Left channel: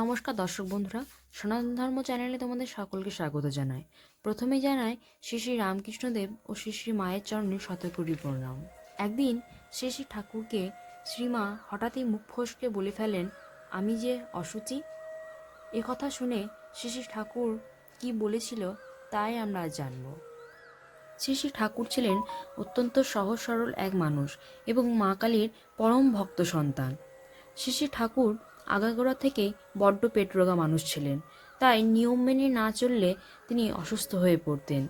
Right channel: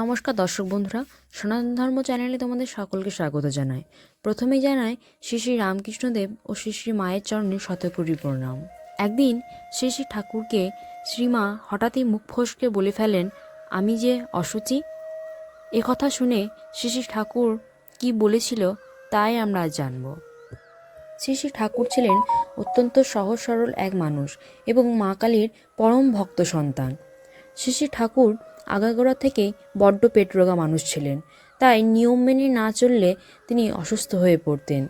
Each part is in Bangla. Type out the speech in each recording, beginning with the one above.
নমস্কার দর্শক বন্ধুরা, সনাতন ধর্ম চ্যানেলে তোমাদের সকলকে স্বাগত জানাই। প্রথমেই জানাই শ্রী শ্রী রামকৃষ্ণদেব ও শ্রী শ্রী মায়ের চরণে শতকোটি প্রণাম। একদিন শ্রী শ্রী ঠাকুরকে শ্রীমা হঠাৎই মুখ ফসকে বলে ফেলেন, আমি যে অশুচি। এ কথা শুনে শ্রী শ্রী ঠাকুর কি বলেছিল তাই আমরা আজ জানব। শ্রী শ্রী ঠাকুর ছিলেন অত্যন্ত সহজ সরল এক মানুষ এবং মা কালীর পরম ভক্ত সন্তান। শ্রী শ্রী ঠাকুর আগাগোড়া থেকেই বড্ড পেটরোগা মানুষ ছিলেন, তাই নিয়ম মেনে না চললে তিনি অসুস্থ হয়ে পড়তেন।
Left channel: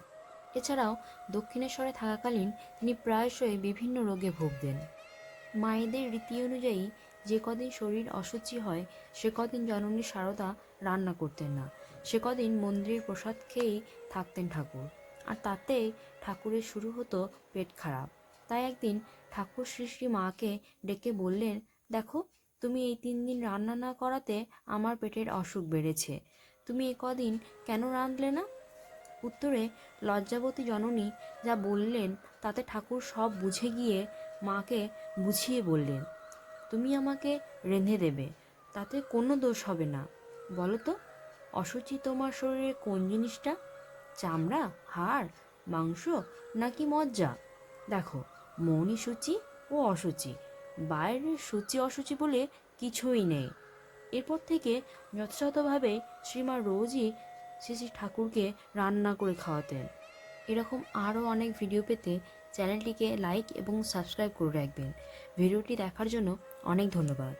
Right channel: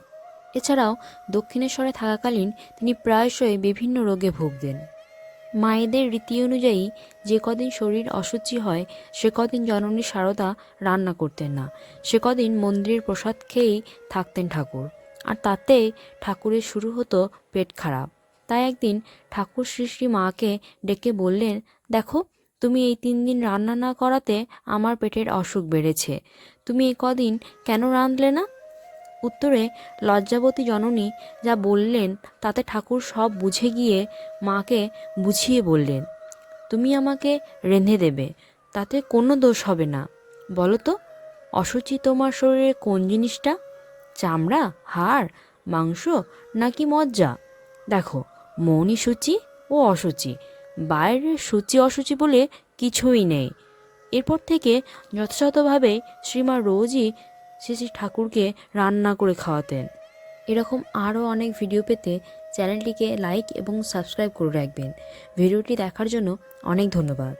এছাড়াও দক্ষিণেশ্বরে থাকাকালীন তিনি প্রায়শই বিভিন্ন রোগে ভুগতেন। মায়েদের রীতি অনুযায়ী যে কদিন শরীর অসুচি হয় সে কদিন জননী সারদা রান্না করতেন না, সে কদিন মন্দিরের প্রসাদ খেয়েই থাকতেন ঠাকুর। আর তাতে ঠাকুরের শুরু হতো পেট খারাপ। তাই একদিন ঠাকুর শ্রী শ্রী মাকে ডেকে বললেন, দেখো, তুমি এই 3 দিন রান্না না করাতে আমার পেটের অসুখ বেড়েছে, তুমি এই কদিন কেন রাঁধলে না? উত্তরে লজ্জাবতী জননী যা বললেন তাতে ঠাকুর সব বুঝে গিয়ে মাকে বুঝিয়ে বললেন, তুমি আমাকে রেঁধে দেবে, তাতে কোনো দোষ হবে না। বলো তো, অসুচি তোমার শরীরে কোন জিনিসটা? চামড়া, হাড়, মাংস নাকি মজ্জা? দেখো, মনই সূচি ও অসুচি, বাইরের সূচি অসুচি বলে কিছুই নেই। এরপর থেকে যথাযথভাবে শ্রীমা রোজই শ্রী শ্রী ঠাকুরকে রান্না করে খাওয়াতেন। এরকম আরও অনেক ভিডিও পেতে চ্যানেলটিকে লাইক এবং সাবস্ক্রাইব করে রাখবেন। ভিডিওটি দেখার জন্য অনেক ধন্যবাদ।